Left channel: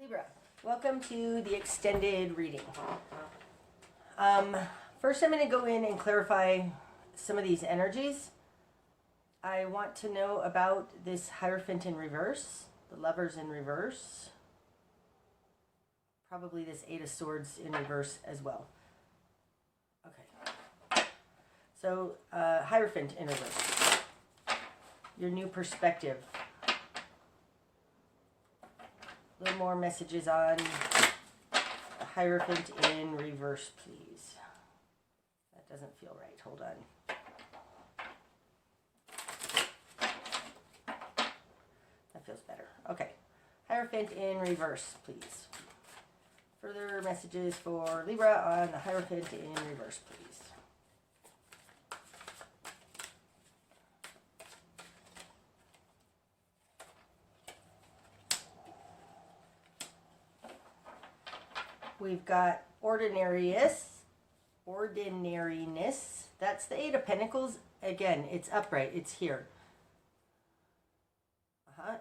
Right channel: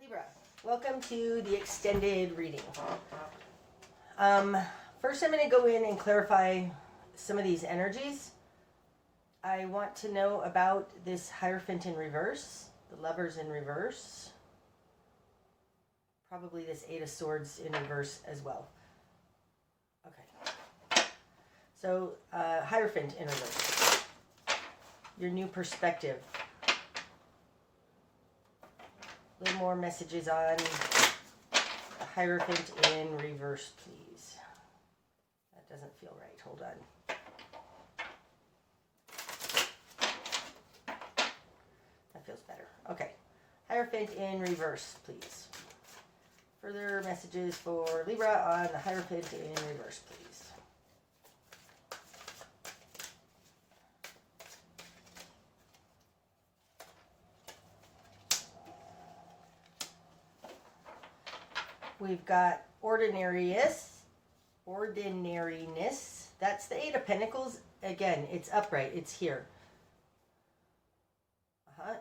Libra, welcome to the extended reading. First I'm going to go in and clarify some of these energies. I want to know about this Hierophant in reverse, the Lovers in reverse, probably this Eight of Swords in reverse as well. Okay, so Hierophant in reverse, your new perspective. A little more messages on the Hierophant in reverse, please. That doesn't feel right. Hold on. That feels better. Okay. Hierophant in reverse, please. Further messages for Libra on the Hierophant in reverse, please. We've got ordinariness. That's the Eight of Pentacles. Again, it's upright. It's here.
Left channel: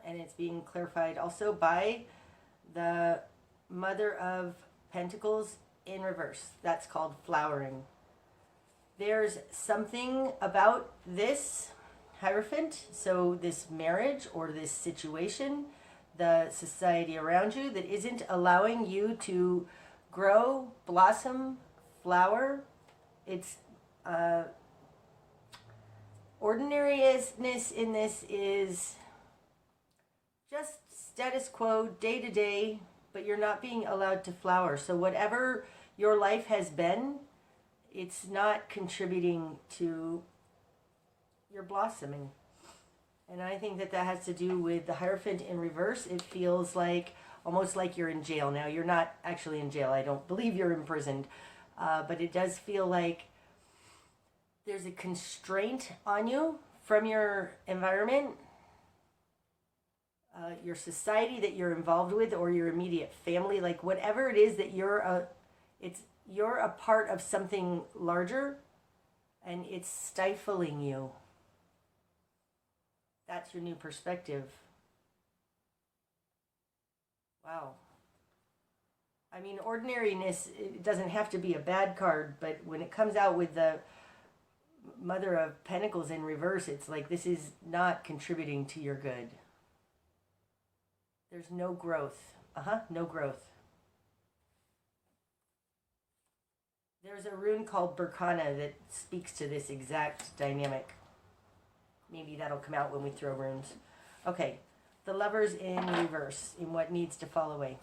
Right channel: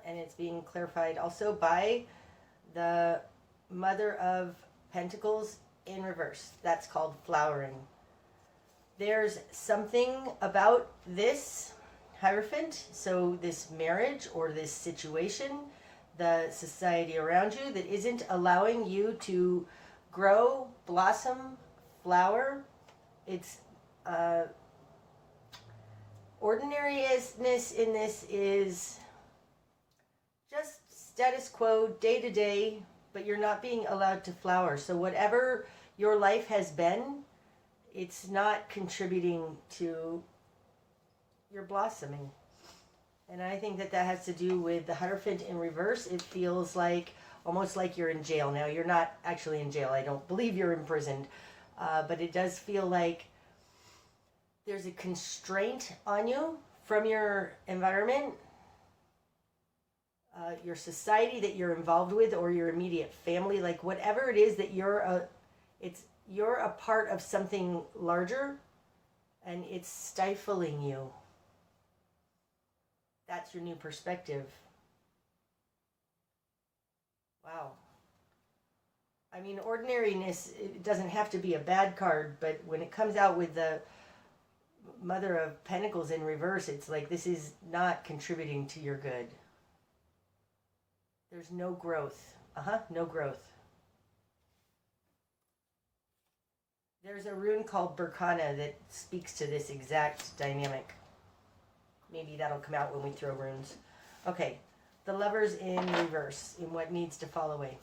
And it's being clarified also by the Mother of Pentacles in reverse. That's called flowering. There's something about this Hierophant, so this marriage or this situation, the society around you, that isn't allowing you to grow, blossom, flower. It's ordinariness in this is just status quo, day to day, but you're not being allowed to flower. So whatever your life has been, it's not contributing to your blossoming. And I think that has to do with the Hierophant in reverse. It feels like almost like you're in jail. Now, you're not actually in jail. I don't believe you're imprisoned. But it does feel like there's a constraint on you from your environment, your society that you're involved with, or your immediate family. Like whatever it is that you're a part of something larger, and it's stifling you. That's your new perspective. Wow. I mean, ordinariness, it doesn't have to be a bad card, but when it comes out with the Mother of Pentacles in reverse, it's like this is not contributing to your good. There's no growth. No growth. There's a rune called Berkana that speaks to this exact dynamic. Maybe that'll come out when we throw runes. Okay. The Lovers in reverse, in what needs to fall away.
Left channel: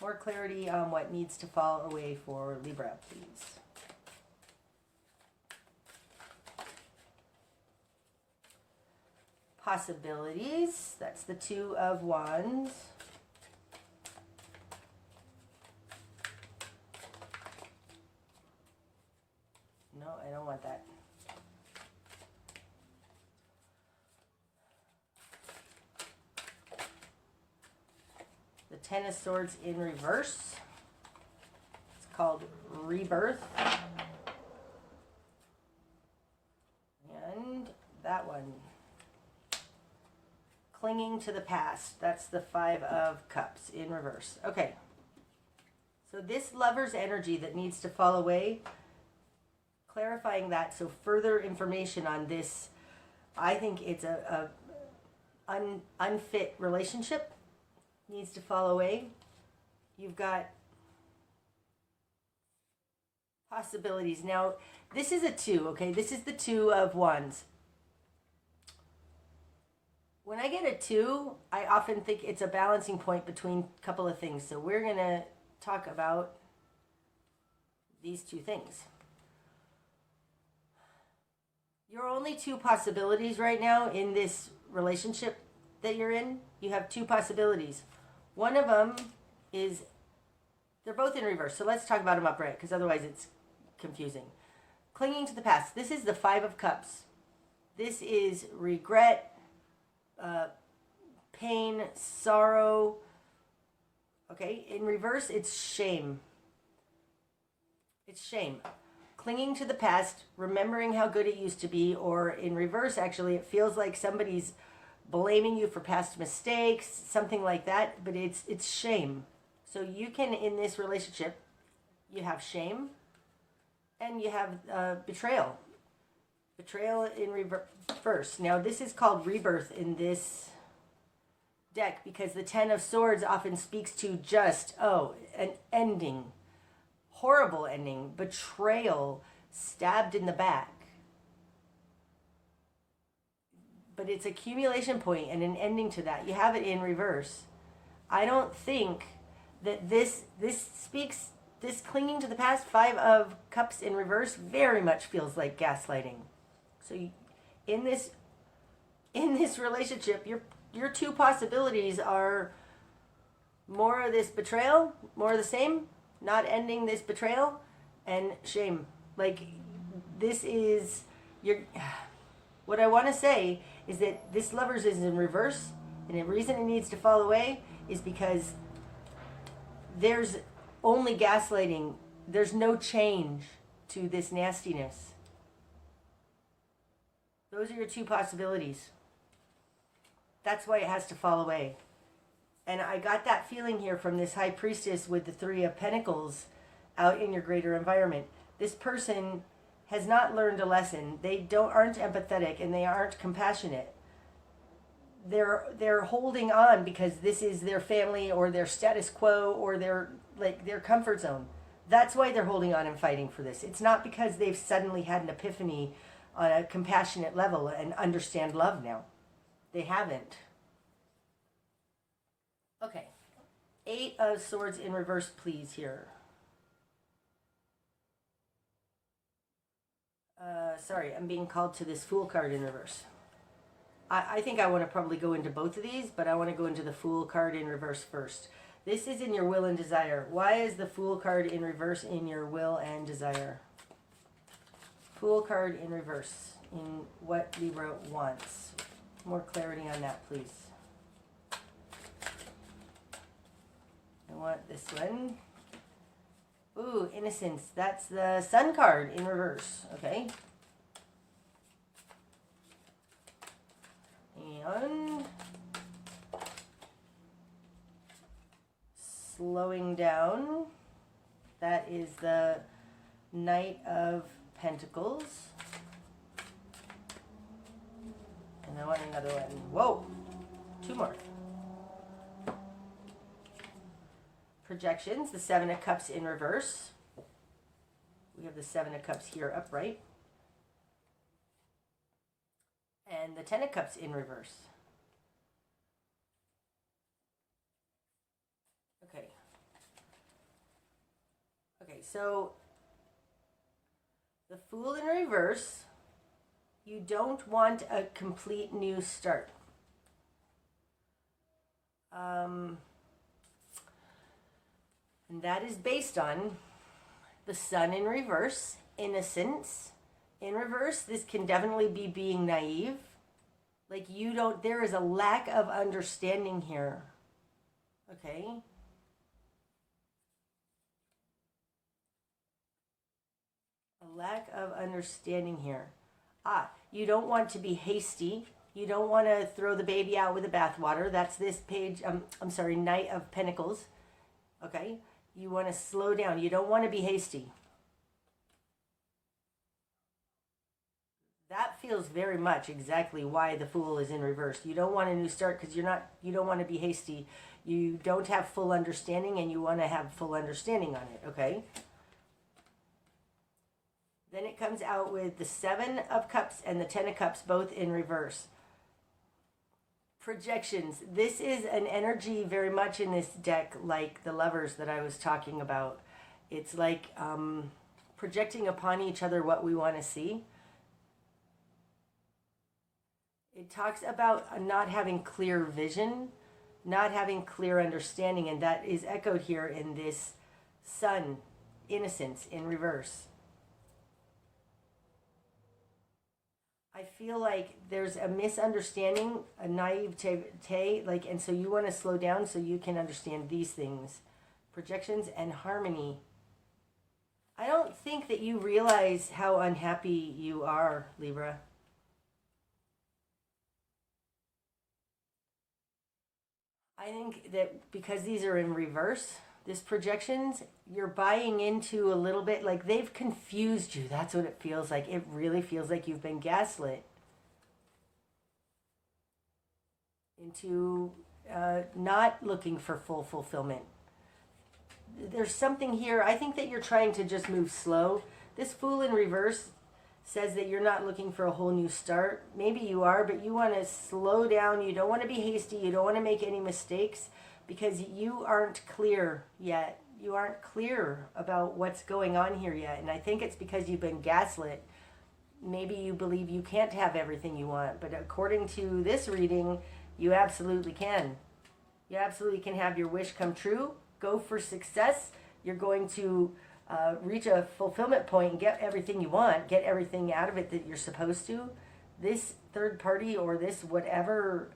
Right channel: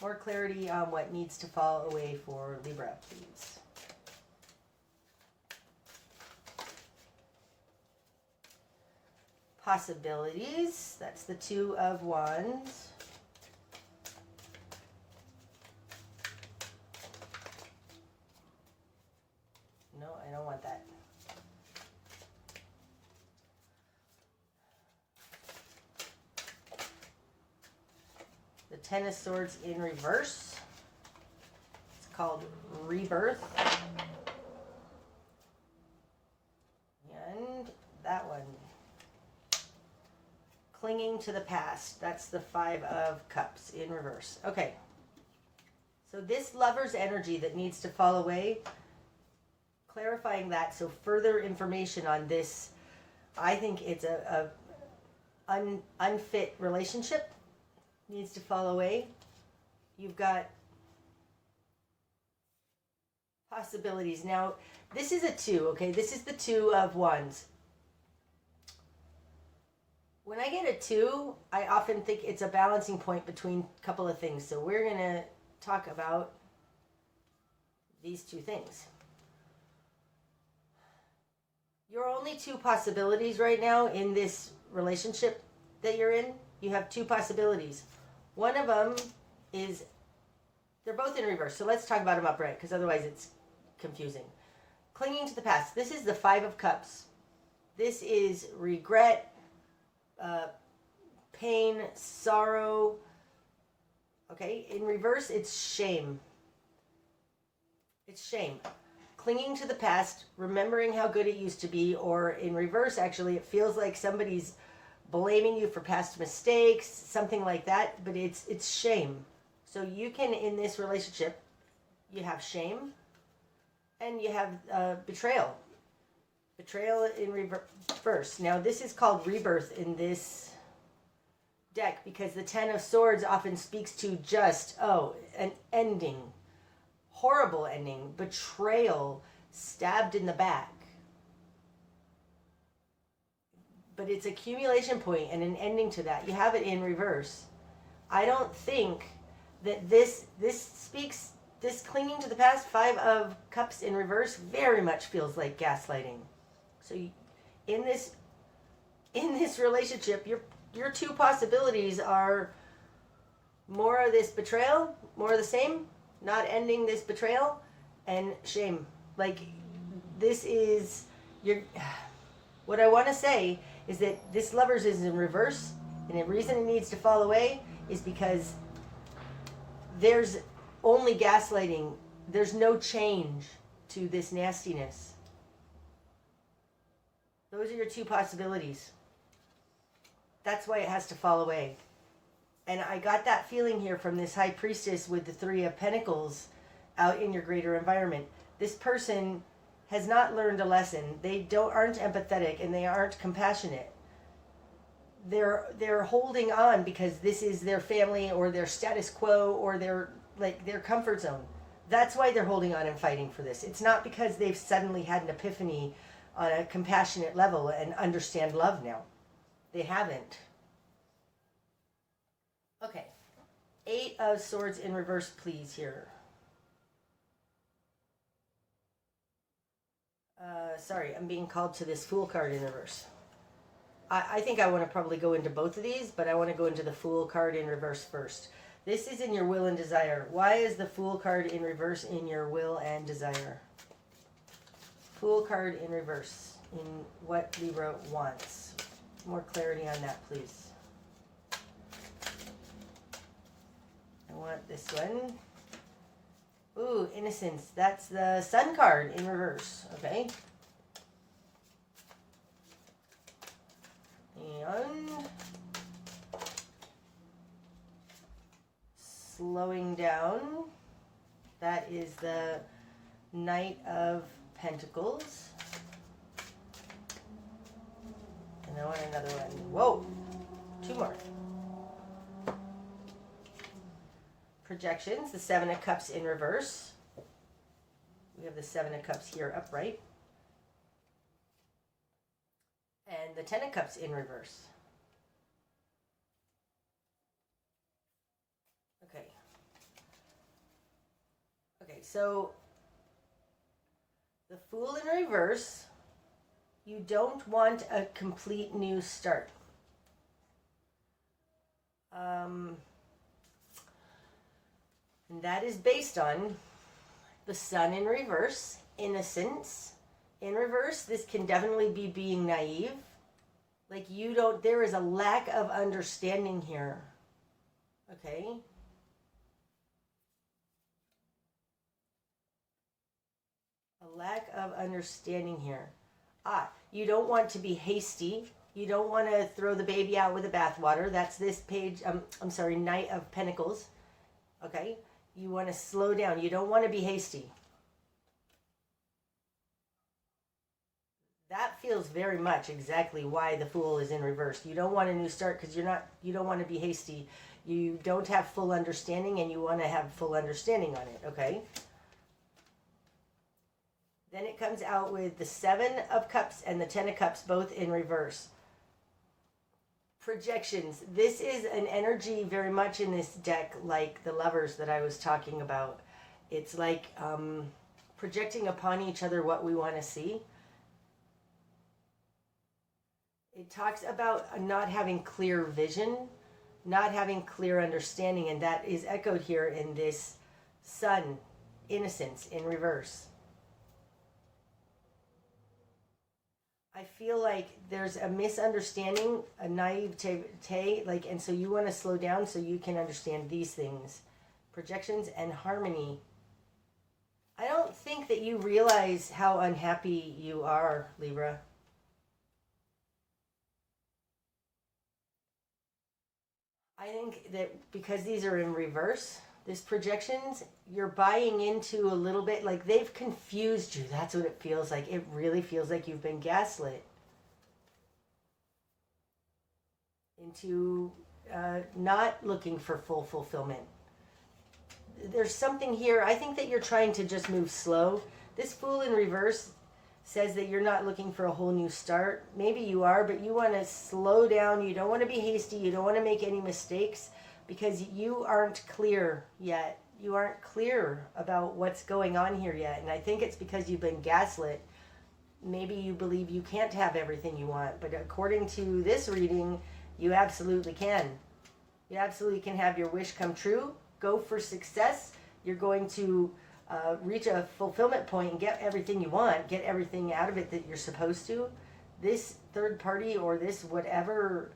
More clarity on what needs to fall away for Libra, please. Possibilities. That's the Two of Wands. No, I don't want that. The Ten of Swords in reverse. It's called Rebirth. And that one. Clinging to the past. That's the Five of Cups in reverse. Okay. So this Lover's energy that needs to fall away, clarifying that. So further information on this. I think it's a unfit relationship. Needs to fall away. You've got possibilities. Now, this is a two, okay? This is the Two of Wands. When I get a two, I often think it's a balancing point between a couple of things. So we're going to talk about these two things. Your only two possibilities right now in this relationship that you're in, you have two possibilities. One of them is, they're both in reverse. So let's talk about them upright, because otherwise it's confusing. Clinging to the past. This is the Five of Cups. This is regret, pain, sorrow. Okay, in reverse, it's shame. It's shame. Clinging to the past, remembering how good it used to be, or in reverse, actually, it feels like somebody's blaming you for past mistakes, something like that, but it's shame. So you can, in this relationship, you have shame and you have betrayal. Betrayal in reverse. Now, this is called rebirth in this deck because the Ten of Swords often speaks to just, an ending, horrible ending, betrayal, stabbed in the back. But it's accumulation point and an ending to that. You have it in reverse. I don't think that this speaks, this clinging to the past, Five of Cups in reverse, very much feels like gaslighting. So in this relationship, your two possibilities are more of this betrayal, more of the same, not ending this betrayal, and shame. Like, this is your... What I want to say is that this Lovers is in reverse, and the reason it needs to fall away is because there's only gaslighting. There's no change to this nastiness. Those are your two possibilities. That's why it has to fall away. And I got that feeling here from this High Priestess with the Three of Pentacles out in your greater environment. This person has not learned a lesson. They aren't empathetic and they aren't compassionate. They're holding on because this is their family or their status quo or their comfort zone. That's why they're holding on and fighting for this. It's not because they've suddenly had an epiphany on a compassionate level and understand love now. They haven't. Okay. 8 of Swords in reverse, please, here. Sorry, I'm being called to this Fool card in reverse. I think I want to probably go into both of these, but I want to go into the Fool card in reverse first. This is in your will and desire. Why is the Fool card in reverse in your will and desire? Fool card in reverse in what Libra wants. More clarity on that, please. I want this one. Ooh, innocence. That's the Sun card in reverse. Okay. And slowing down. That is the Knight of Pentacles. And I want another one. Whoa! 2 more. Projections, the Seven of Cups in reverse. We have the Seven of Cups here upright. And the Ten of Cups in reverse. Okay. Okay, so the Fool in reverse, you don't want a complete new start. And that is based on the Sun in reverse, innocence. In reverse, this can definitely be being naive. Like there is a lack of understanding here. Okay? A lack of understanding here. You don't want to be hasty. You don't want to throw the baby out with the bathwater. That's this page, Knight of Pentacles. Okay? You want to slow down. You don't want to be hasty. That feels very much exactly why the Fool is in reverse. You don't want a new start because you don't want to be hasty. You don't have full understanding and you want to have full understanding on it, okay? Then it comes out with the Seven of Cups and the Ten of Cups both in reverse. Projections. This is an energy very much in this deck like the Lovers that I was talking about. It's like projecting upon each other what we want to see. It talks about not having clear vision, not having clear understanding, and that is echoed here in this Sun, innocence in reverse. I feel like there's a misunderstanding, a naivete, and so you want to slow down so you can understand these things. Projections and harmony. I don't think that you realize how unhappy you are, Libra. I think that because these are in reverse, this projections, you're buying into a little bit, like they've confused you. That's what it feels like. It really feels like you've been gaslit into not looking for full fulfillment. There's something here. I think that you're trying to just move slow. This Fool in reverse says that you're not looking for a whole new start. Maybe you are, but you want to slow down. You don't want to be hasty. You don't want to make any mistakes because you aren't clear yet. You aren't clear about what's going on here yet. And I think it's because you've been gaslit. Maybe you believe you can't have everything you want, but according to this reading, you absolutely can. You absolutely can have your wish come true. Go for success. You're going to reach a fulfillment point and get everything you want, get everything out of it that you're supposed to. This third party or this whatever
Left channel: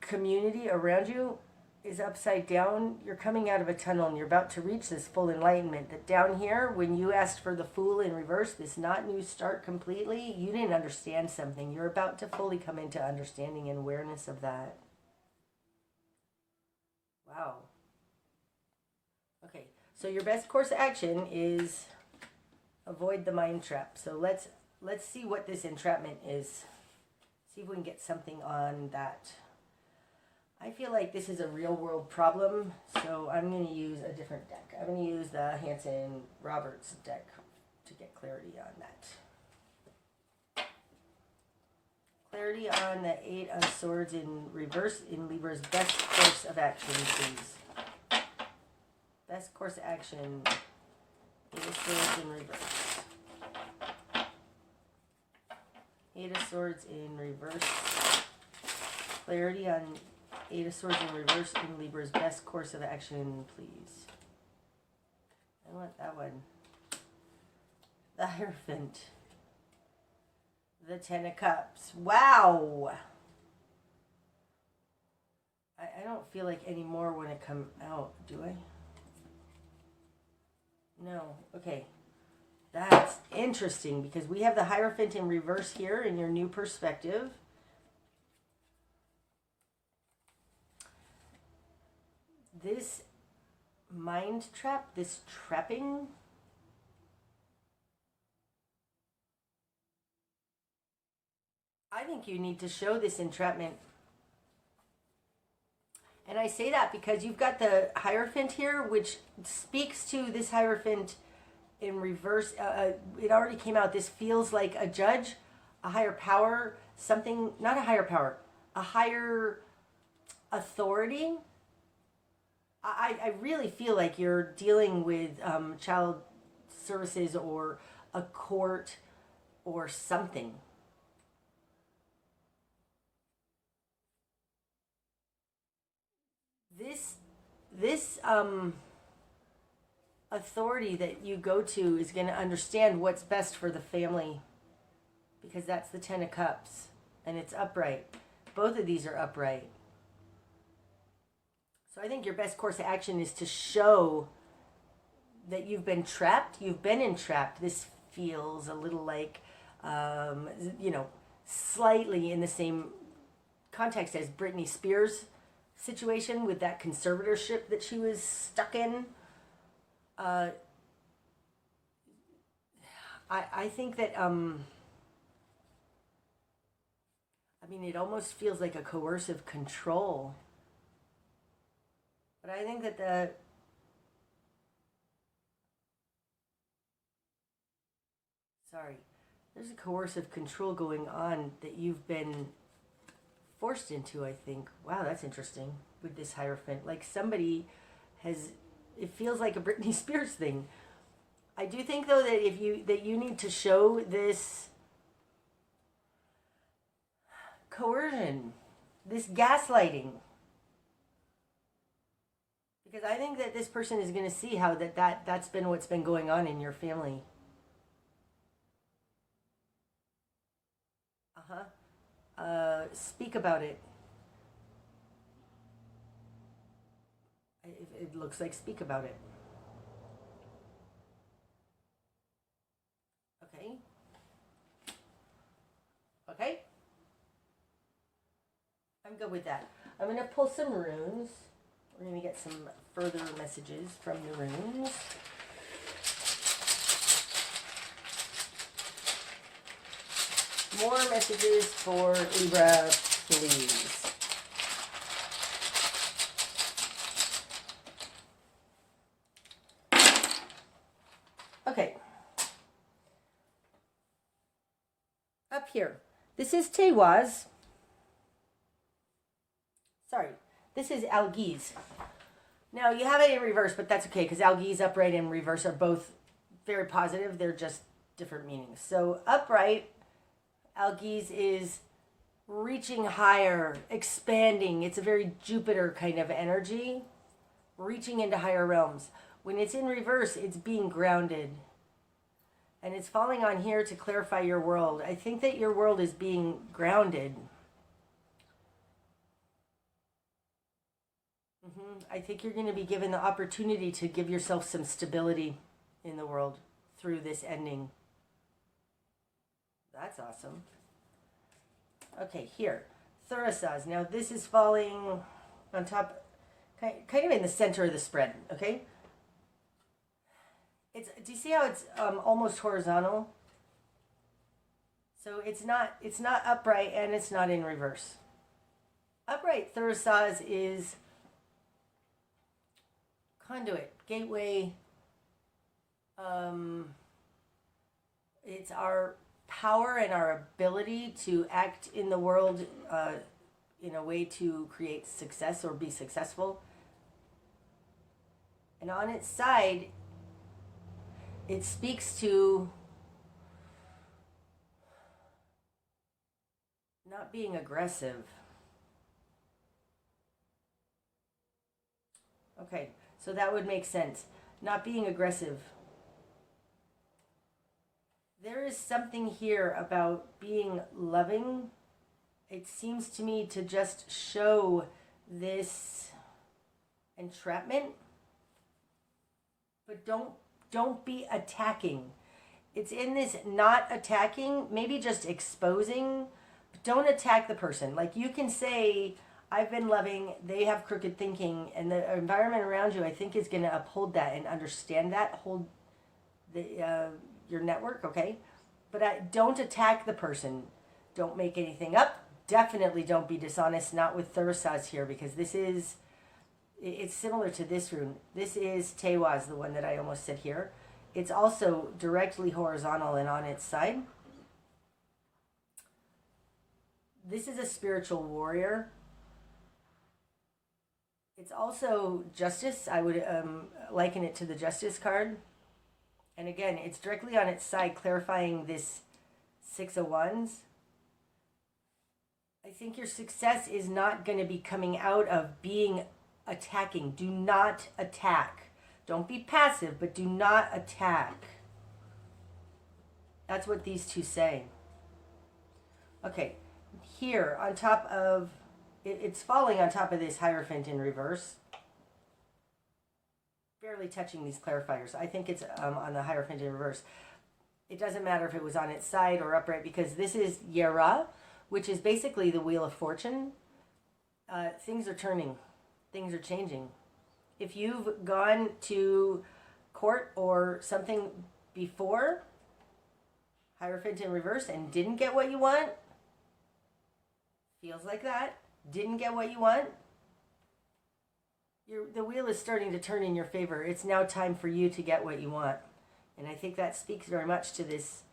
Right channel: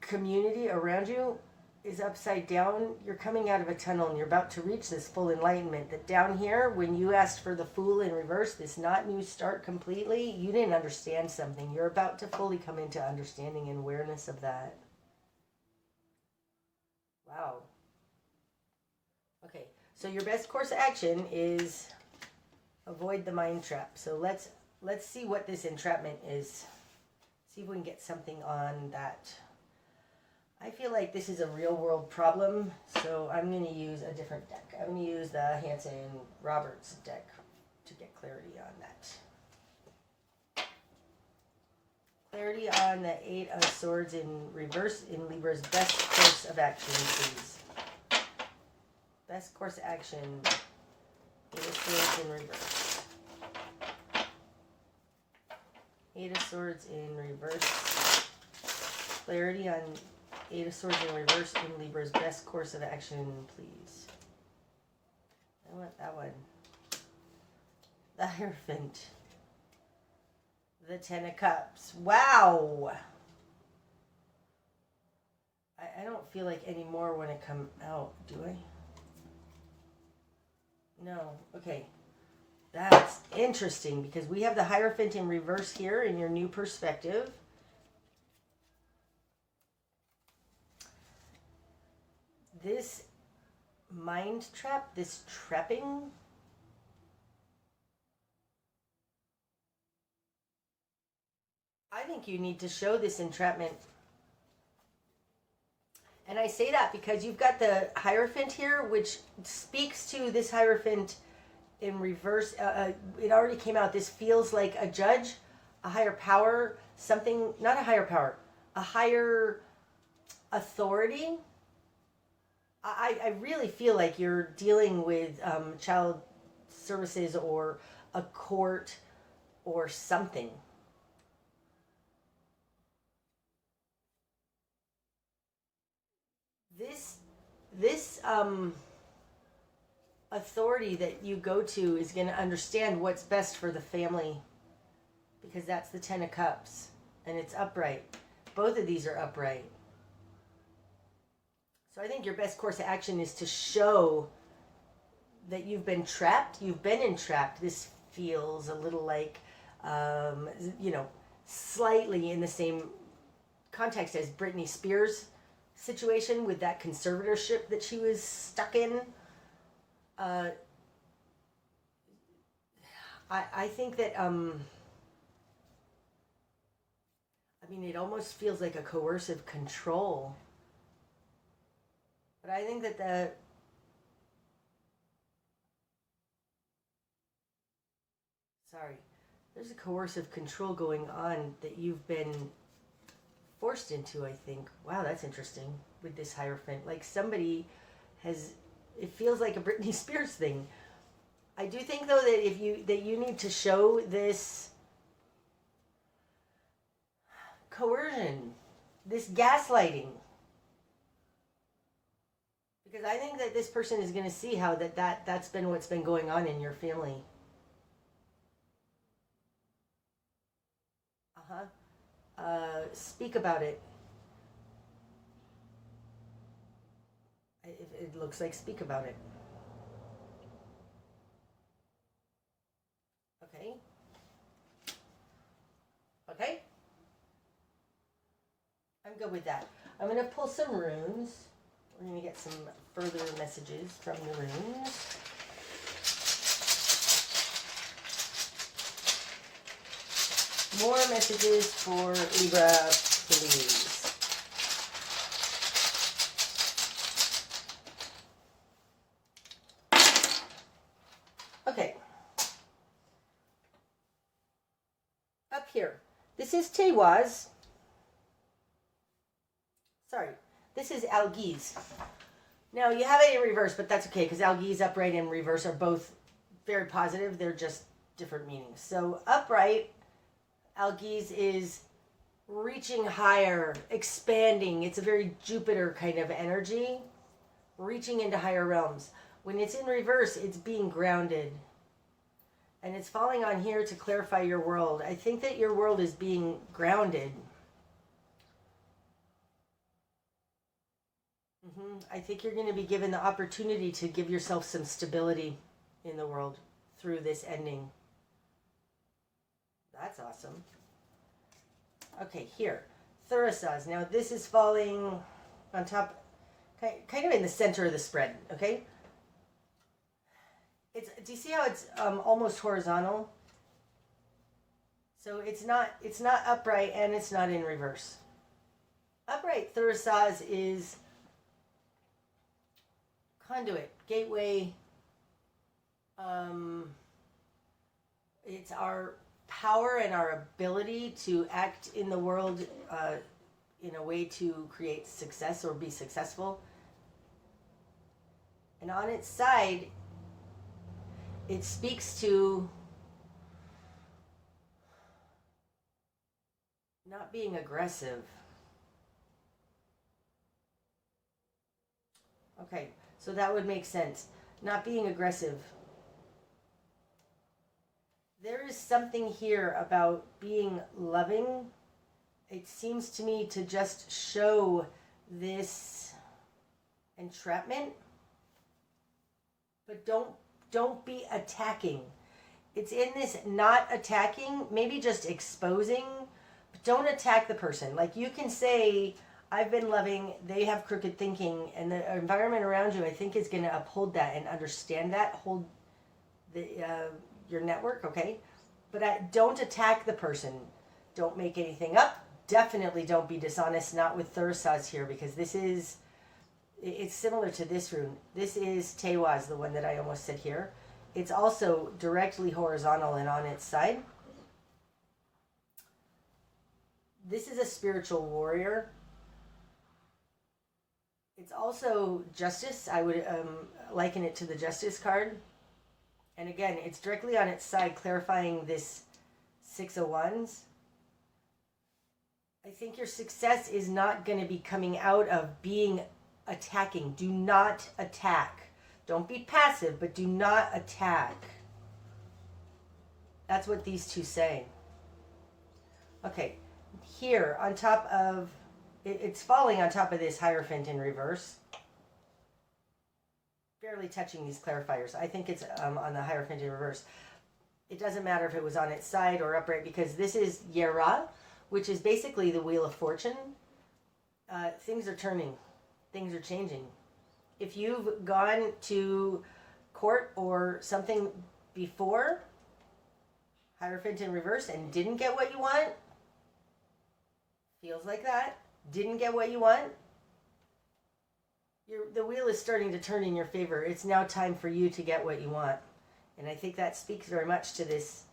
community around you is upside down. You're coming out of a tunnel and you're about to reach this full enlightenment. That down here, when you asked for the Fool in reverse, this not new start completely, you didn't understand something. You're about to fully come into understanding and awareness of that. Wow. Okay, so your best course of action is avoid the mind trap. So let's see what this entrapment is. See if we can get something on that. I feel like this is a real world problem, so I'm going to use a different deck. I'm going to use the Hanson Roberts deck to get clarity on that. Clarity on the Eight of Swords in reverse in Libra's best course of action, please. Best course of action. Eight of Swords in reverse. Eight of Swords in reverse. Clarity on Eight of Swords in reverse in Libra's best course of action, please. I want that one. The Hierophant. The Ten of Cups. Wow! I don't feel like any more when it come out, do I? No. Okay. That's interesting because we have the Hierophant in reverse here in your new perspective. This mind trap, this trapping, I think you need to show this entrapment. And I say that because you've got the Hierophant here, which speaks to this Hierophant in reverse. It already came out. This feels like a judge, a higher power, something, not a higher power, a higher authority. I really feel like you're dealing with child services or a court or something. This authority that you go to is going to understand what's best for the family because that's the Ten of Cups and it's upright. Both of these are upright. So I think your best course of action is to show that you've been trapped. You've been entrapped. This feels a little like, slightly in the same context as Britney Spears' situation with that conservatorship that she was stuck in. I think that, it almost feels like a coercive control. But I think that there's a coercive control going on that you've been forced into, I think. Wow, that's interesting with this Hierophant. Like somebody has, it feels like a Britney Spears thing. I do think though that you need to show this coercion, this gaslighting. Because I think that this person is going to see how that's been what's been going on in your family. Speak about it. It looks like speak about it. Okay. Okay. I'm good with that. I'm going to pull some runes. We're going to get some further messages from the runes. More messages for Libra, please. Okay. Up here. This is Tewaz. Sorry. This is Algiz. Now, you have it in reverse, but that's okay, because Algiz, upright, and reverse are both very positive. They're just different meanings. So, upright, Algiz is reaching higher, expanding. It's a very Jupiter kind of energy, reaching into higher realms. When it's in reverse, it's being grounded. And it's falling on here to clarify your world. I think that your world is being grounded. I think you're going to be given the opportunity to give yourself some stability in the world through this ending. That's awesome. Okay, here. Thurisaz. Now, this is falling on top, kind of in the center of the spread, okay? Do you see how it's almost horizontal? So it's not upright and it's not in reverse. Upright Thurisaz is conduit, gateway. It's our power and our ability to act in the world in a way to create success or be successful. And on its side, it speaks to not being aggressive. Okay, so that would make sense. Not being aggressive. There is something here about being loving. It seems to me to just show this entrapment. But don't be attacking. It's in this not attacking, maybe just exposing. But don't attack the person. Like, you can say, I've been loving, they have crooked thinking, and the environment around you, I think, is going to uphold that and understand that, hold your network, okay? But don't attack the person. Don't make anything up. Definitely don't be dishonest, not with Thurisaz here, because it's similar to this rune. This is Tewaz, the one that I almost said here. It's also directly horizontal and on its side. This is a spiritual warrior. It's also justice. I would liken it to the justice card. And again, it's directly on its side, clarifying this 6 of Wands. I think your success is not going to be coming out of being attacking. Do not attack. Don't be passive, but do not attack. That's what these two say. Okay, here on top of, it's falling on top of this Hierophant in reverse. Barely touching these clarifiers. I think it's on the Hierophant in reverse. It doesn't matter if it was on its side or upright, because this is Yera, which is basically the Wheel of Fortune. Things are turning. Things are changing. If you've gone to court or something before, Hierophant in reverse, and didn't get what you want, feels like that, didn't get what you want, the wheel is starting to turn in your favor. It's now time for you to get what you want. And I think that speaks very much to this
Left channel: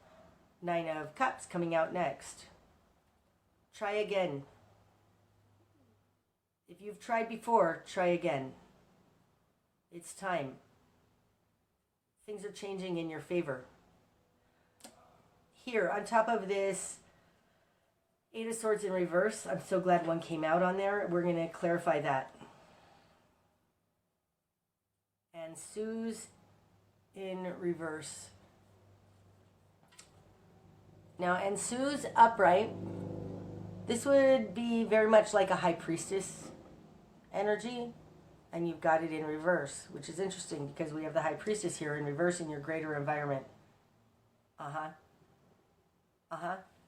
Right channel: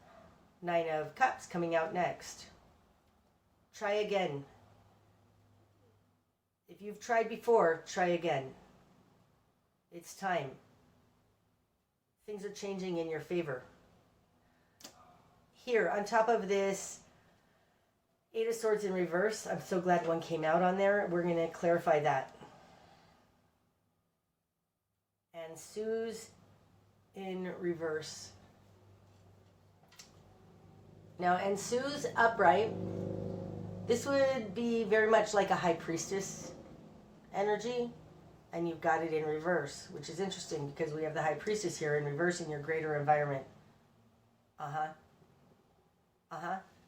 9 of Cups coming out next. Try again. If you've tried before, try again. It's time. Things are changing in your favor. Here, on top of this 8 of Swords in reverse, I'm so glad one came out on there. We're going to clarify that. And Sue's in reverse. Now, and Sue's upright. This would be very much like a High Priestess energy. And you've got it in reverse, which is interesting because we have the High Priestess here in reverse in your greater environment.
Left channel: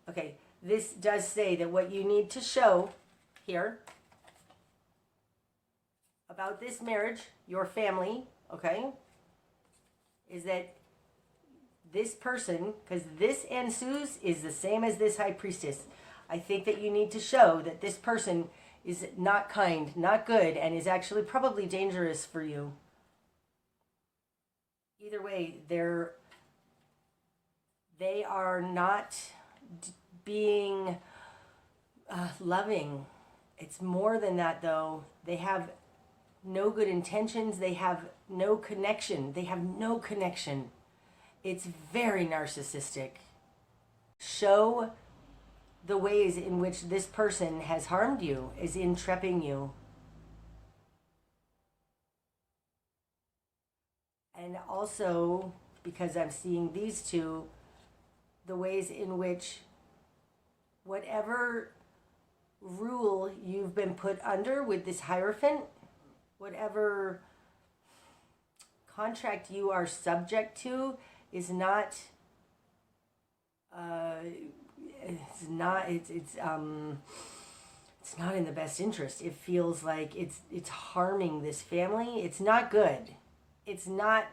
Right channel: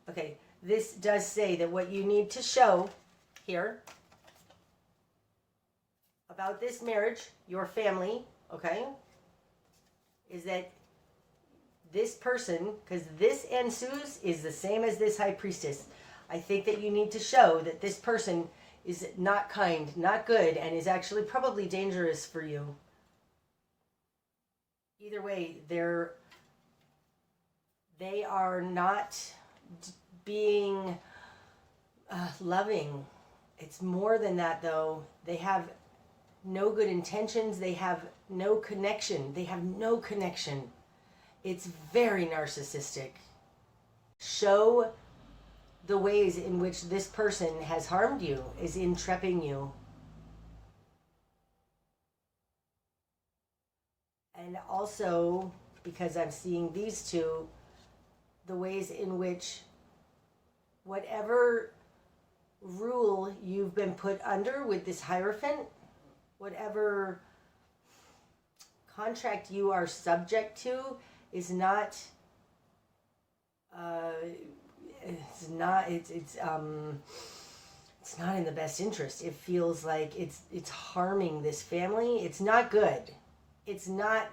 Okay, this does say that what you need to show here about this marriage, your family, okay, is that this person, because this Ensu's is the same as this High Priestess, I think that you need to show that this person is not kind, not good, and is actually probably dangerous for you. Either way, they are not being loving. It's more than that, though. They have no good intentions. They have no connection. It's very narcissistic. Show the ways in which this person has harmed you, is entrapping you. And also, because I'm seeing these two, the ways in which whatever rule you've been put under with this Hierophant, whatever contract you are subject to, is not it's not in the best interest. It feels like it's harming this family. It's not good. It's not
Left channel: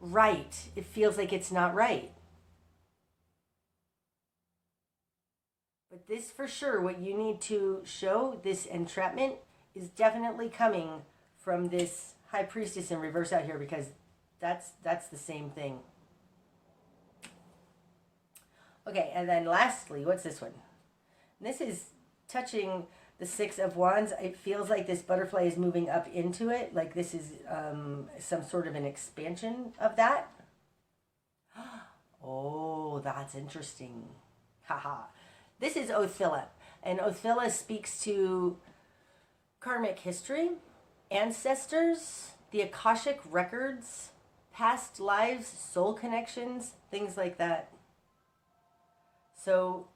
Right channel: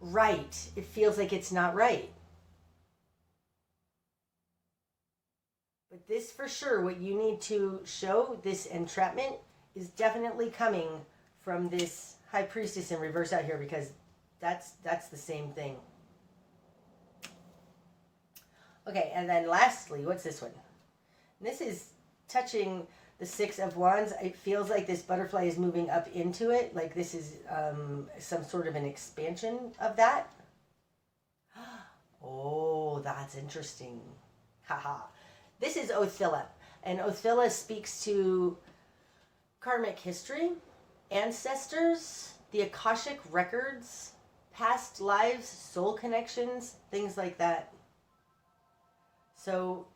right. It feels like it's not right. But this for sure, what you need to show, this entrapment, is definitely coming from this High Priestess in reverse out here, because that's the same thing. Okay, and then lastly, what's this one? This is touching the Six of Wands. It feels like this butterfly is moving up into it, like this is some sort of an expansion of that. Oh, that's interesting. Haha. This is Othilla, and Othilla speaks to karmic history, ancestors, the Akashic records, past lives, soul connections, things like that. So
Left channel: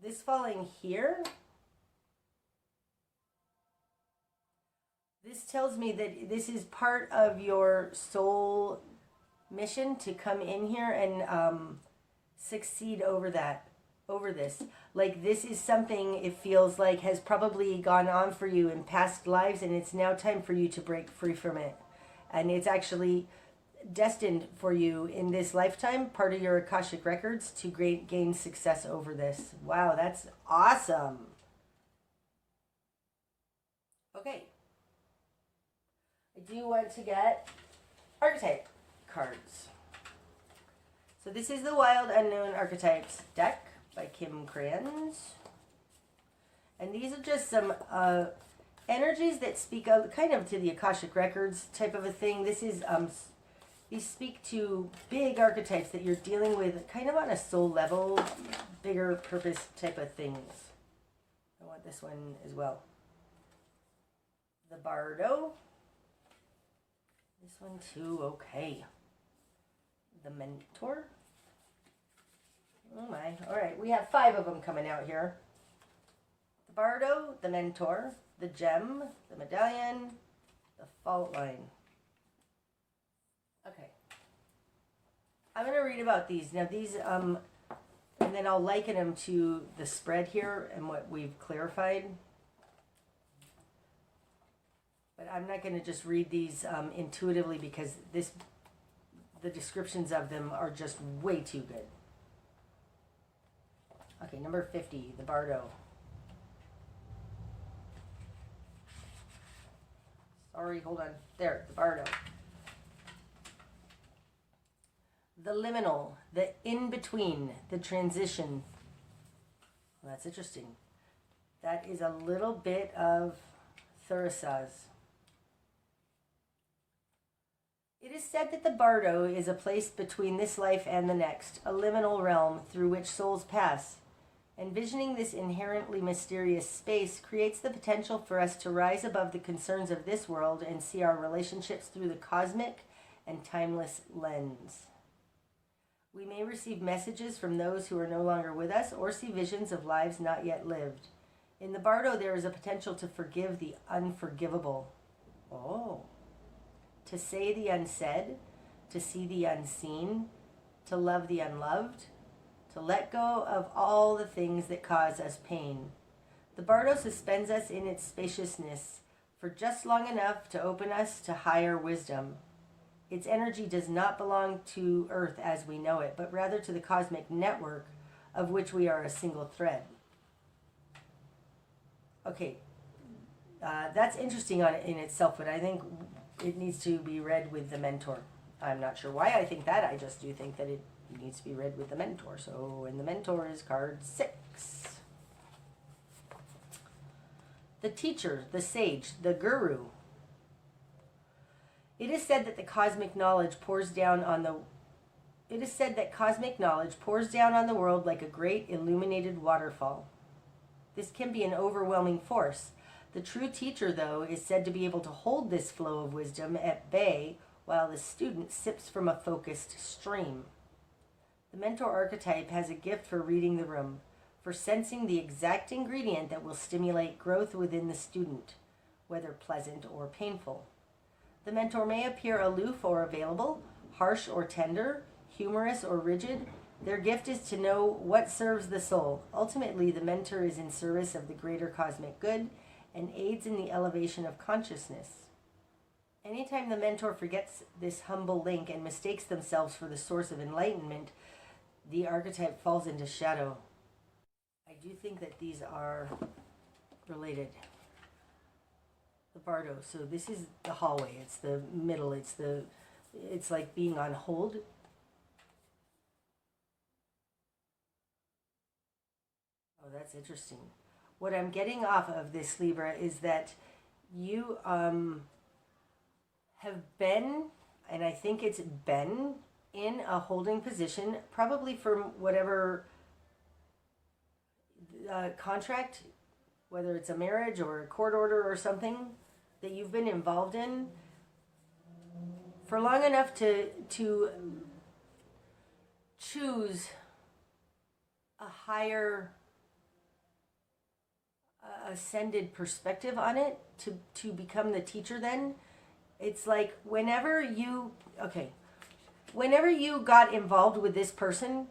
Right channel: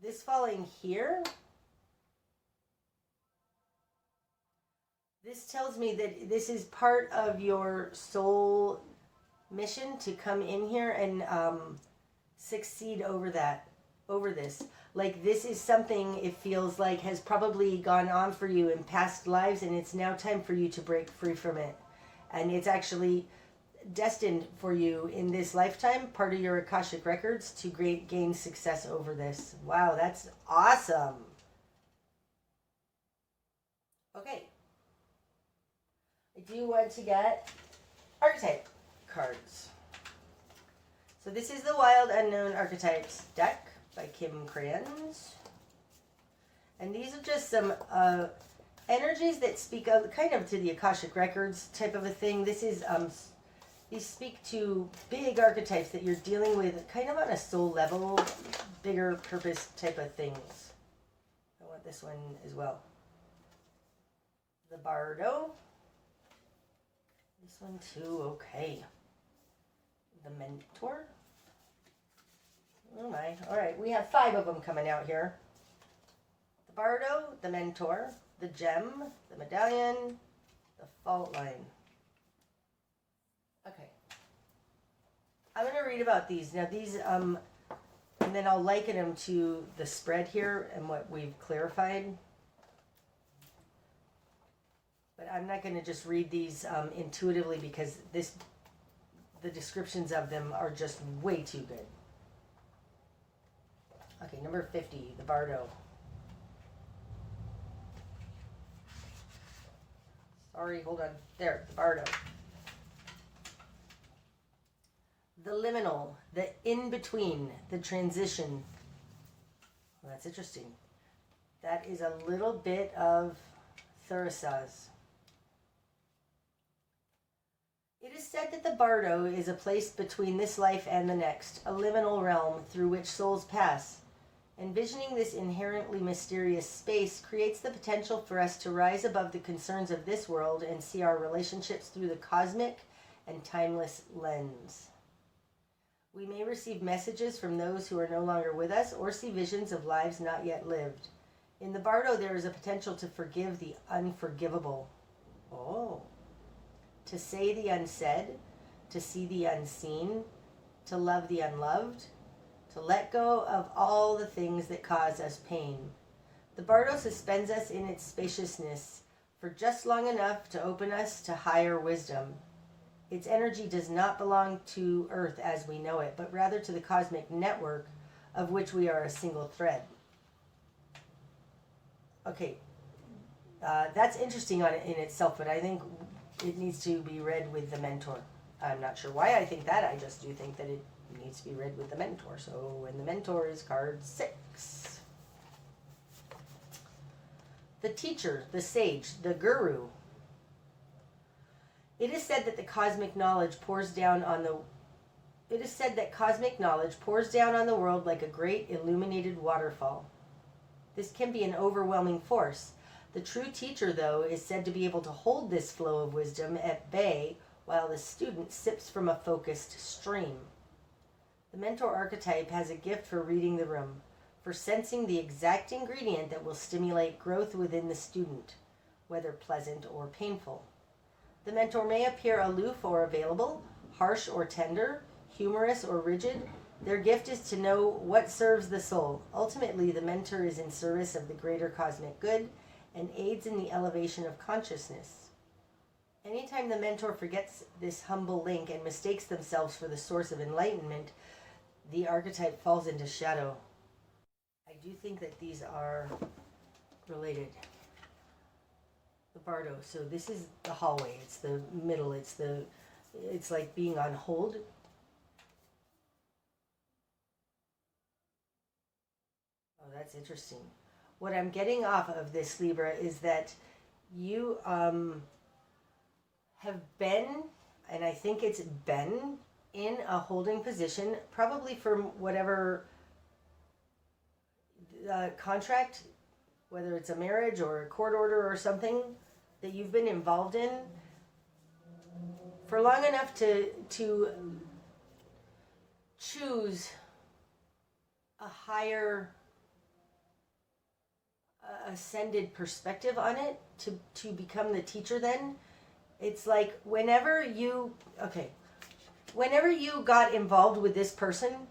this falling here, this tells me that this is part of your soul mission to come in here and succeed over this. Like, this is something, it feels like, has probably gone on for you in past lives, and it's now time for you to break free from it. And it's actually destined for you in this lifetime, part of your Akashic records, to gain success over this. Wow, that's awesome. Okay. I do want to get archetype cards. So this is the Wild Unknown Archetypes deck by Kim Crayons. And these are just some energies that speak of kind of to the Akashic records type of a thing. This is these speak to big archetypes that you're dealing with kind of on a soul level, bigger purpose type of things. I want this one as well. The Bardo. This one too, okay. The Mentor. Oh my, all right, we have 5 of them coming out here. The Bardo, the Mentor, the Gem, the Medallion, the Fault Line. Okay. I'm going to read about these. Now these, and then I'll liken them to the spread here and what we've clarified. But I'm not going to just read these intuitively, because the descriptions of them are just way too good. Okay, number 50, the Bardo. Sorry, hold on. There, the Bardo. The liminal, the in-between, the transition. Well, that's interesting. That is a little bit of Thurisaz. It is said that the Bardo is a place between this life and the next, a liminal realm through which souls pass. Envisioning this inherently mysterious space creates the potential for us to rise above the concerns of this world and see our relationships through the cosmic and timeless lens. We may receive messages from those who are no longer with us, or see visions of lives not yet lived. In the Bardo, there is a potential to forgive the unforgivable. Oh. To say the unsaid, to see the unseen, to love the unloved, to let go of all the things that cause us pain. The bardo suspends us in its spaciousness for just long enough to open us to higher wisdom. Its energy does not belong to Earth as we know it, but rather to the cosmic network of which we are a single thread. Okay, that's interesting in itself, but I think it needs to be read with the mentor. I'm not sure why I think that. I just do think that it needs to be read with the mentor. So, and the mentor is card 6. The teacher, the sage, the guru. It is said that cosmic knowledge pours down on the world like a great illuminated waterfall. This can be an overwhelming force. The true teacher, though, is said to be able to hold this flow of wisdom at bay while the student sips from a focused stream. The mentor archetype has a gift for reading the room, for sensing the exact ingredient that will stimulate growth within the student, whether pleasant or painful. The mentor may appear aloof or available, harsh or tender, humorous or rigid. Their gift is to know what serves the soul. Ultimately, the mentor is in service of the greater cosmic good and aids in the elevation of consciousness. Anytime the mentor forgets this humble link and mistakes themselves for the source of enlightenment, the archetype falls into shadow. I do think that these are related. The bardo. So this is the hallway. It's the middle. It's like being on hold. Oh, that's interesting. What I'm getting off of this, Libra, is that you have been, and I think it's been, in a holding position, probably for whatever contract, whether it's a marriage or a court order or something that you've been involved in, for long enough to choose a higher ascended perspective on it, to become the teacher. Then it's like whenever you got involved with this person,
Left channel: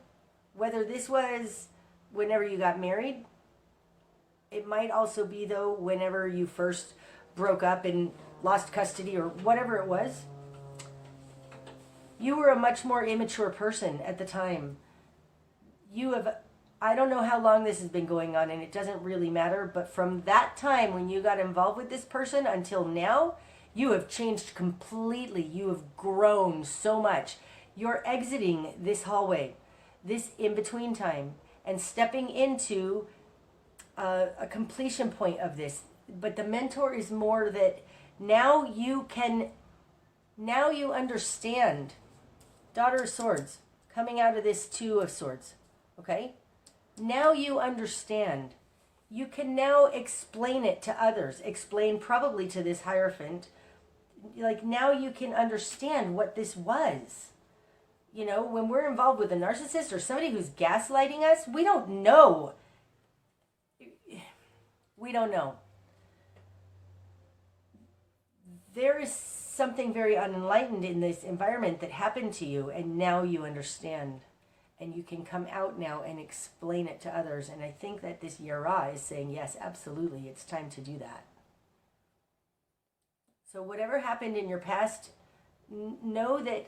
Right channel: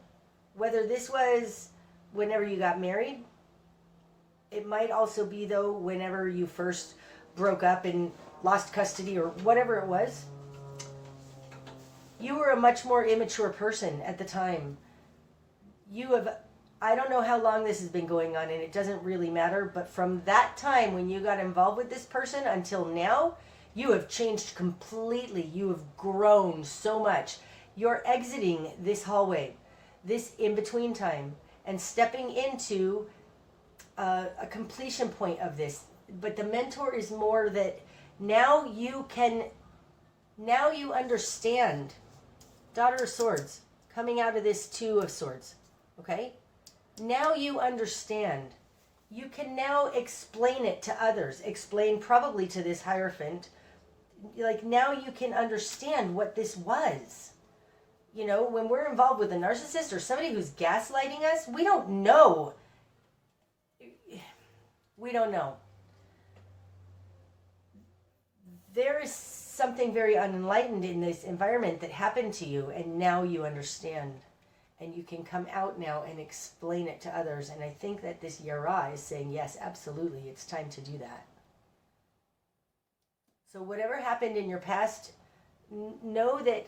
whether this was whenever you got married, it might also be, though, whenever you first broke up and lost custody or whatever it was, you were a much more immature person at the time. I don't know how long this has been going on, and it doesn't really matter, but from that time when you got involved with this person until now, you have changed completely. You have grown so much. You're exiting this hallway, this in-between time, and stepping into a completion point of this. But the mentor is more that now you understand. Daughter of Swords, coming out of this Two of Swords, okay? Now you understand. You can now explain it to others, explain probably to this Hierophant. Like, now you can understand what this was. You know, when we're involved with a narcissist or somebody who's gaslighting us, we don't know. We don't know. There is something very unenlightened in this environment that happened to you, and now you understand. And you can come out now and explain it to others. And I think that this Yara is saying, yes, absolutely, it's time to do that. So whatever happened in your past, know that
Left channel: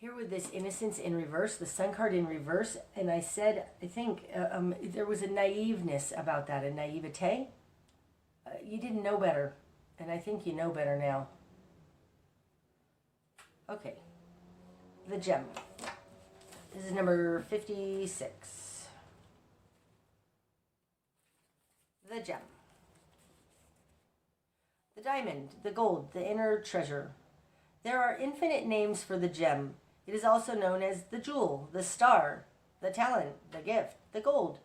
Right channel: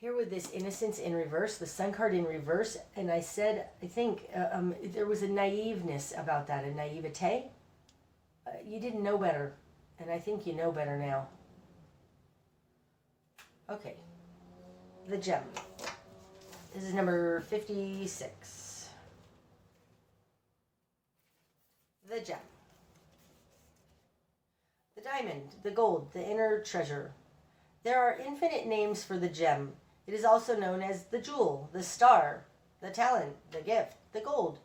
here with this Innocence in reverse, the Sun card in reverse, and I said, I think there was a naiveness about that, a naivete. You didn't know better, and I think you know better now. Okay, the gem. This is number 56. The gem. The diamond, the gold, the inner treasure. There are infinite names for the gem. It is also known as the jewel, the star, the talent, the gift, the gold.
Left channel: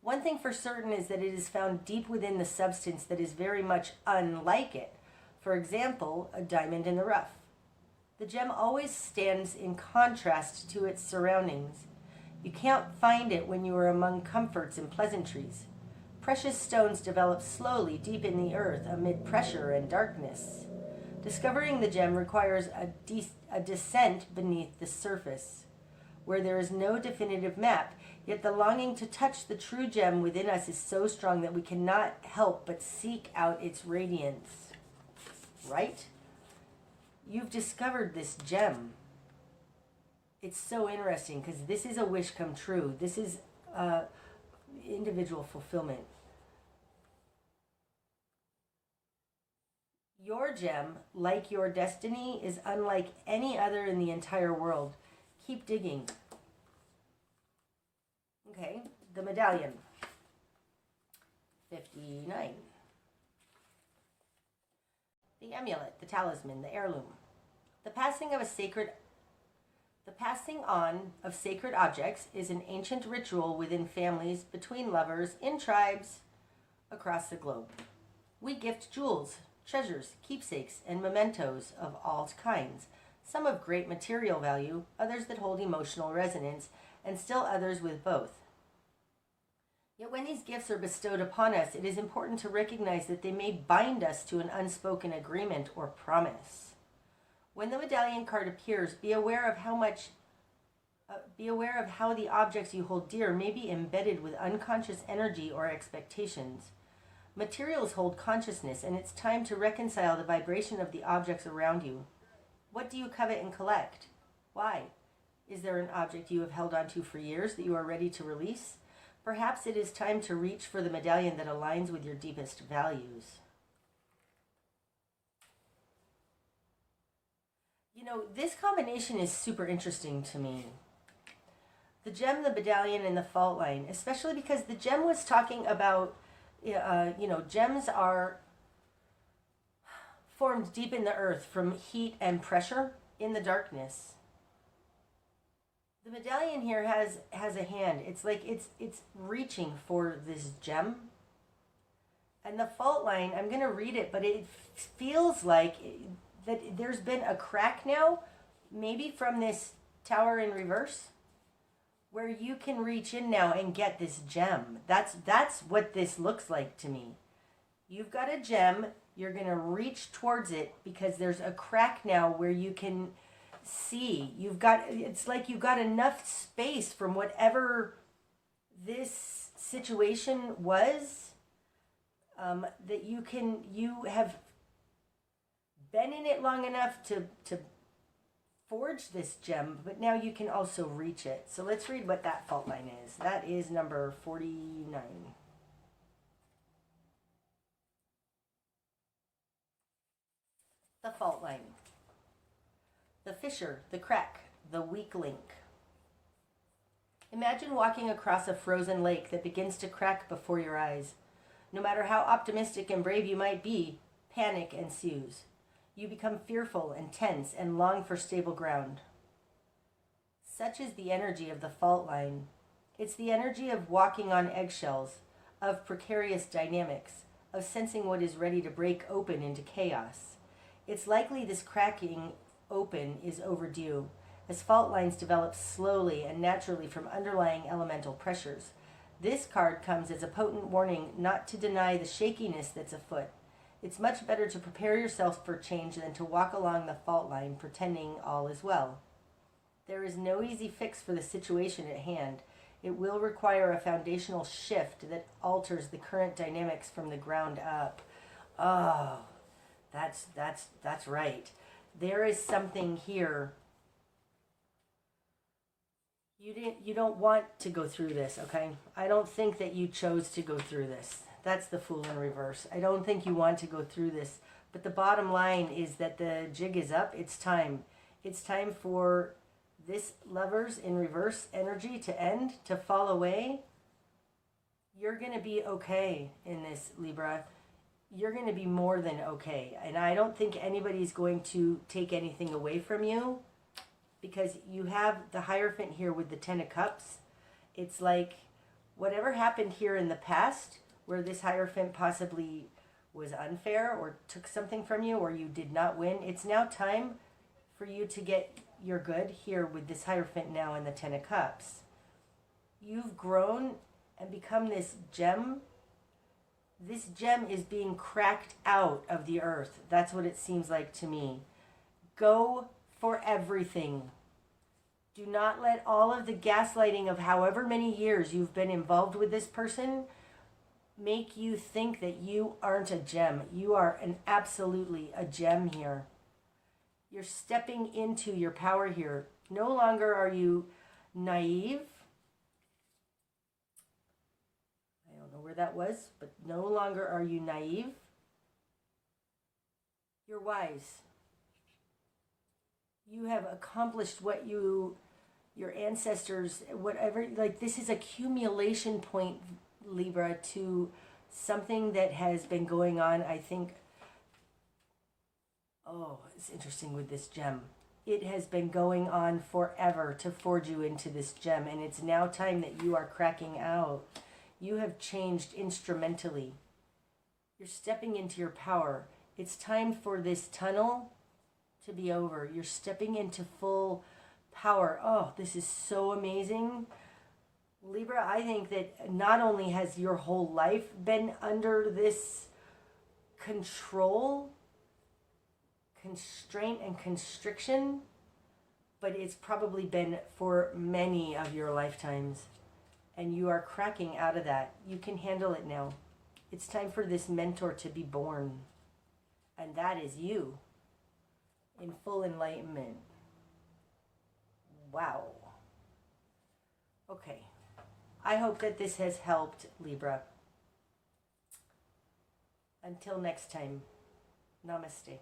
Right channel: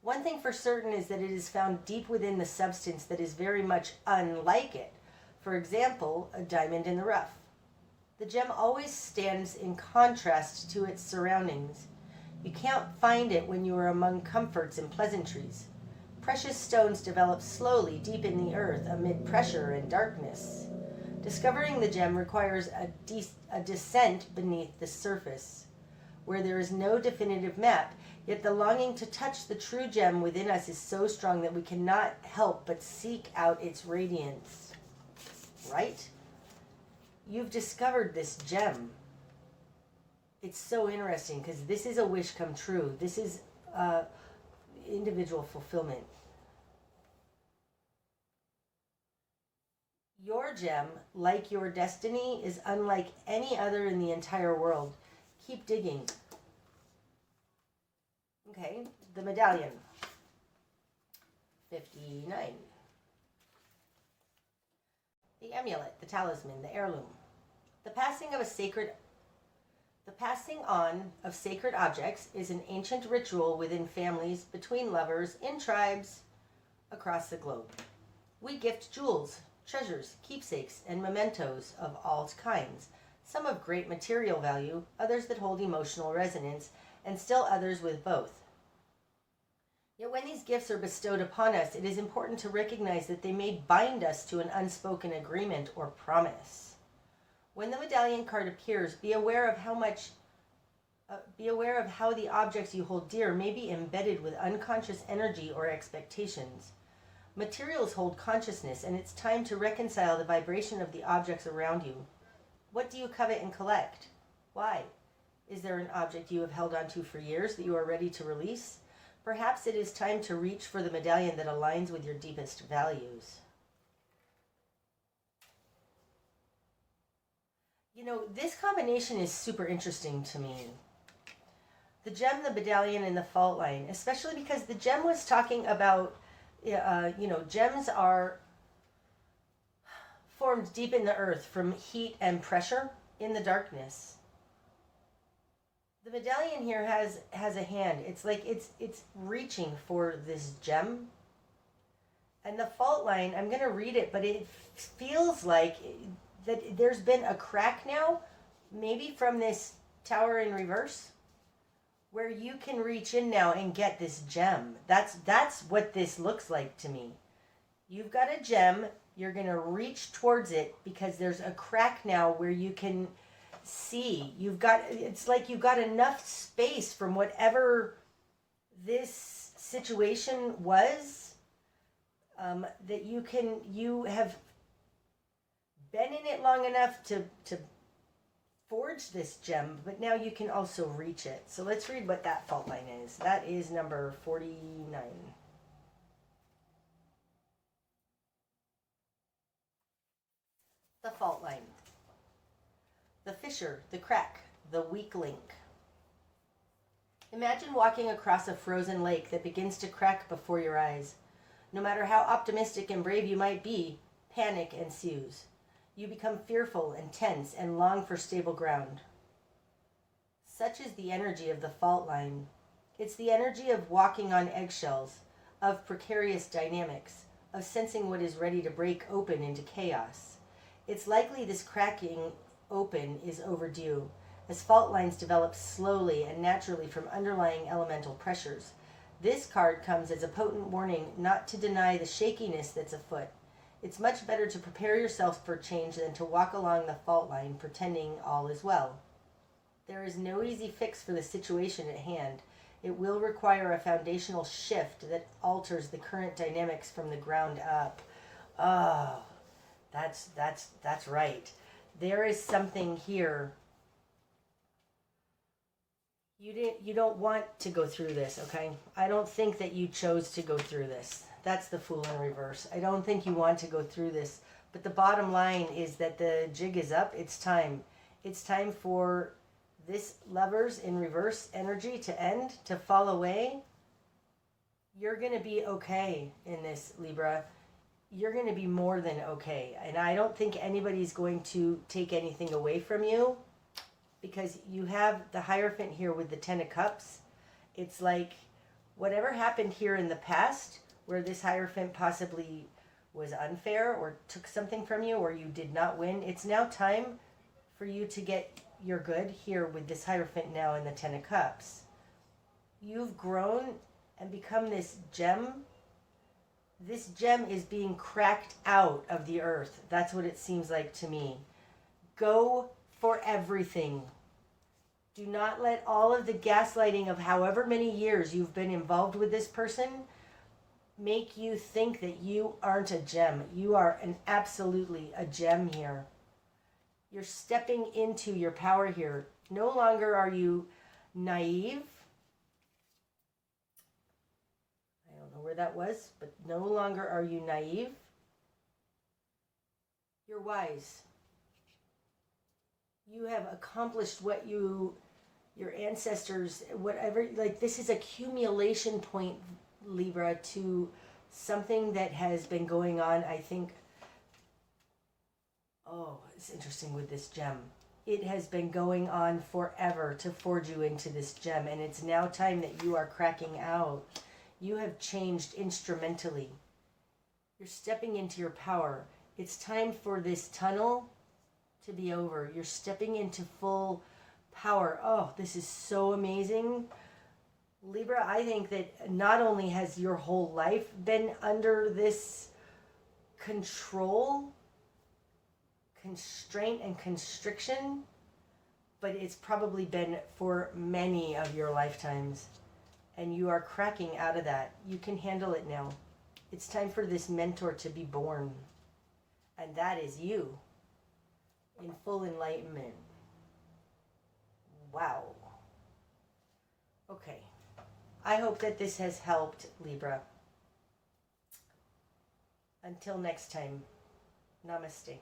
One thing for certain is that it is found deep within the substance that is very much unlike it. For example, a diamond in the rough. The gem always stands in contrast to its surroundings. You can't find it when you are among comforts and pleasantries. Precious stones develop slowly deep in the earth amid pressure and darkness. Discovering the gem requires a descent beneath the surface. Where there is no definitive map, Yet the longing to touch the true gem within us is so strong that we cannot help but seek out its radiance. Right? You've discovered this gem. It's so interesting because this is a wish come true. This is individual fulfillment. Your gem, like your destiny, is unlike any other in the entire world. Keep digging. Okay, the medallion. 59. The amulet, the talisman, the heirloom. The passing on of sacred objects is an ancient ritual within families, between lovers, in tribes, across the globe. We gift jewels, treasures, keepsakes, and mementos of all kinds, some of great material value, others that hold emotional resonance, and still others with both. Yet when these gifts are bestowed upon us, it is important to recognize that they may bind us to an unspoken agreement or promise. When the medallion card appears, be aware of how the objects you hold dear may be embedded with unconscious energy or expectations. Materials hold consciousness, and it's time to reconcile the vibration of the objects around you. What do you covet and collect? Why? Is there an object you have held onto for years that you are ready to release? Perhaps it is time to reach for the medallion that aligns with your deepest values. You know, this combination is super interesting to me. The gem, the medallion, and the fault line, especially because the gem was talking about, gems are formed deep in the earth from heat and pressure in the darkness. The medallion here has a hand. It's like it's reaching for this gem. And the fault line, I'm going to read it, but it feels like that there's been a crack now, maybe from this tower in reverse, where you can reach in now and get this gem. That's what this looks like to me. You've got a gem, you're going to reach towards it because there's a crack now where you can see. It's like you've got enough space from whatever this situation was, that you have been in it long enough to forge this gem, but now you can also reach it. So let's read what that fault line is. That is number 49. The fault line. The fissure, the crack, the weak link. Imagine walking across a frozen lake that begins to crack before your eyes. No matter how optimistic and brave you might be, panic ensues. You become fearful and tense and long for stable ground. Such is the energy of the fault line. It's the energy of walking on eggshells, of precarious dynamics, of sensing what is ready to break open into chaos. It's likely this cracking open is overdue, as fault lines develop slowly and naturally from underlying elemental pressures. This card comes as a potent warning not to deny the shakiness that's afoot. It's much better to prepare yourself for change than to walk along the fault line pretending all is well. There is no easy fix for the situation at hand. It will require a foundational shift that alters the current dynamics from the ground up. Oh, that's right. There is something here. You don't want to go through this, okay? I don't think that you chose to go through this. That's the Fool in reverse. I don't think you want to go through this. But the bottom line is that the jig is up. It's time. It's time for this Lovers in reverse energy to end, to fall away. You're going to be okay in this, Libra. You're going to be more than okay. And I don't think anybody's going to take anything away from you, because you have the Hierophant here with the Ten of Cups. It's like whatever happened here in the past, where this Hierophant possibly was unfair or took something from you or you did not win, it's now time for you to get your good here with this Hierophant now in the Ten of Cups. You've grown and become this gem. This gem is being cracked out of the earth. That's what it seems like to me. Go for everything. Do not let all of the gaslighting of however many years you've been involved with this person make you think that you aren't a gem. You are absolutely a gem here. You're stepping into your power here. No longer are you naive. I don't know where that was, but no longer are you naive. You're wise. You have accomplished what your ancestors, whatever, like this is accumulation point, Libra, to something that has been going on, I think. Oh, it's interesting with this gem. It has been going on forever to forge you into this gem, and it's now time that you are cracking out. You have changed instrumentally. You're stepping into your power. It's time for this tunnel to be over. You're stepping into full power. Oh, this is so amazing. Libra, I think that not only has your whole life been under this control, constraint, and constriction, but it's probably been for many of your lifetimes. And you are cracking out of that. You can handle it now. It's time for this mentor to be born. And that is you. In full enlightenment. Wow. Okay. I hope that this has helped, Libra. Until next time, namaste.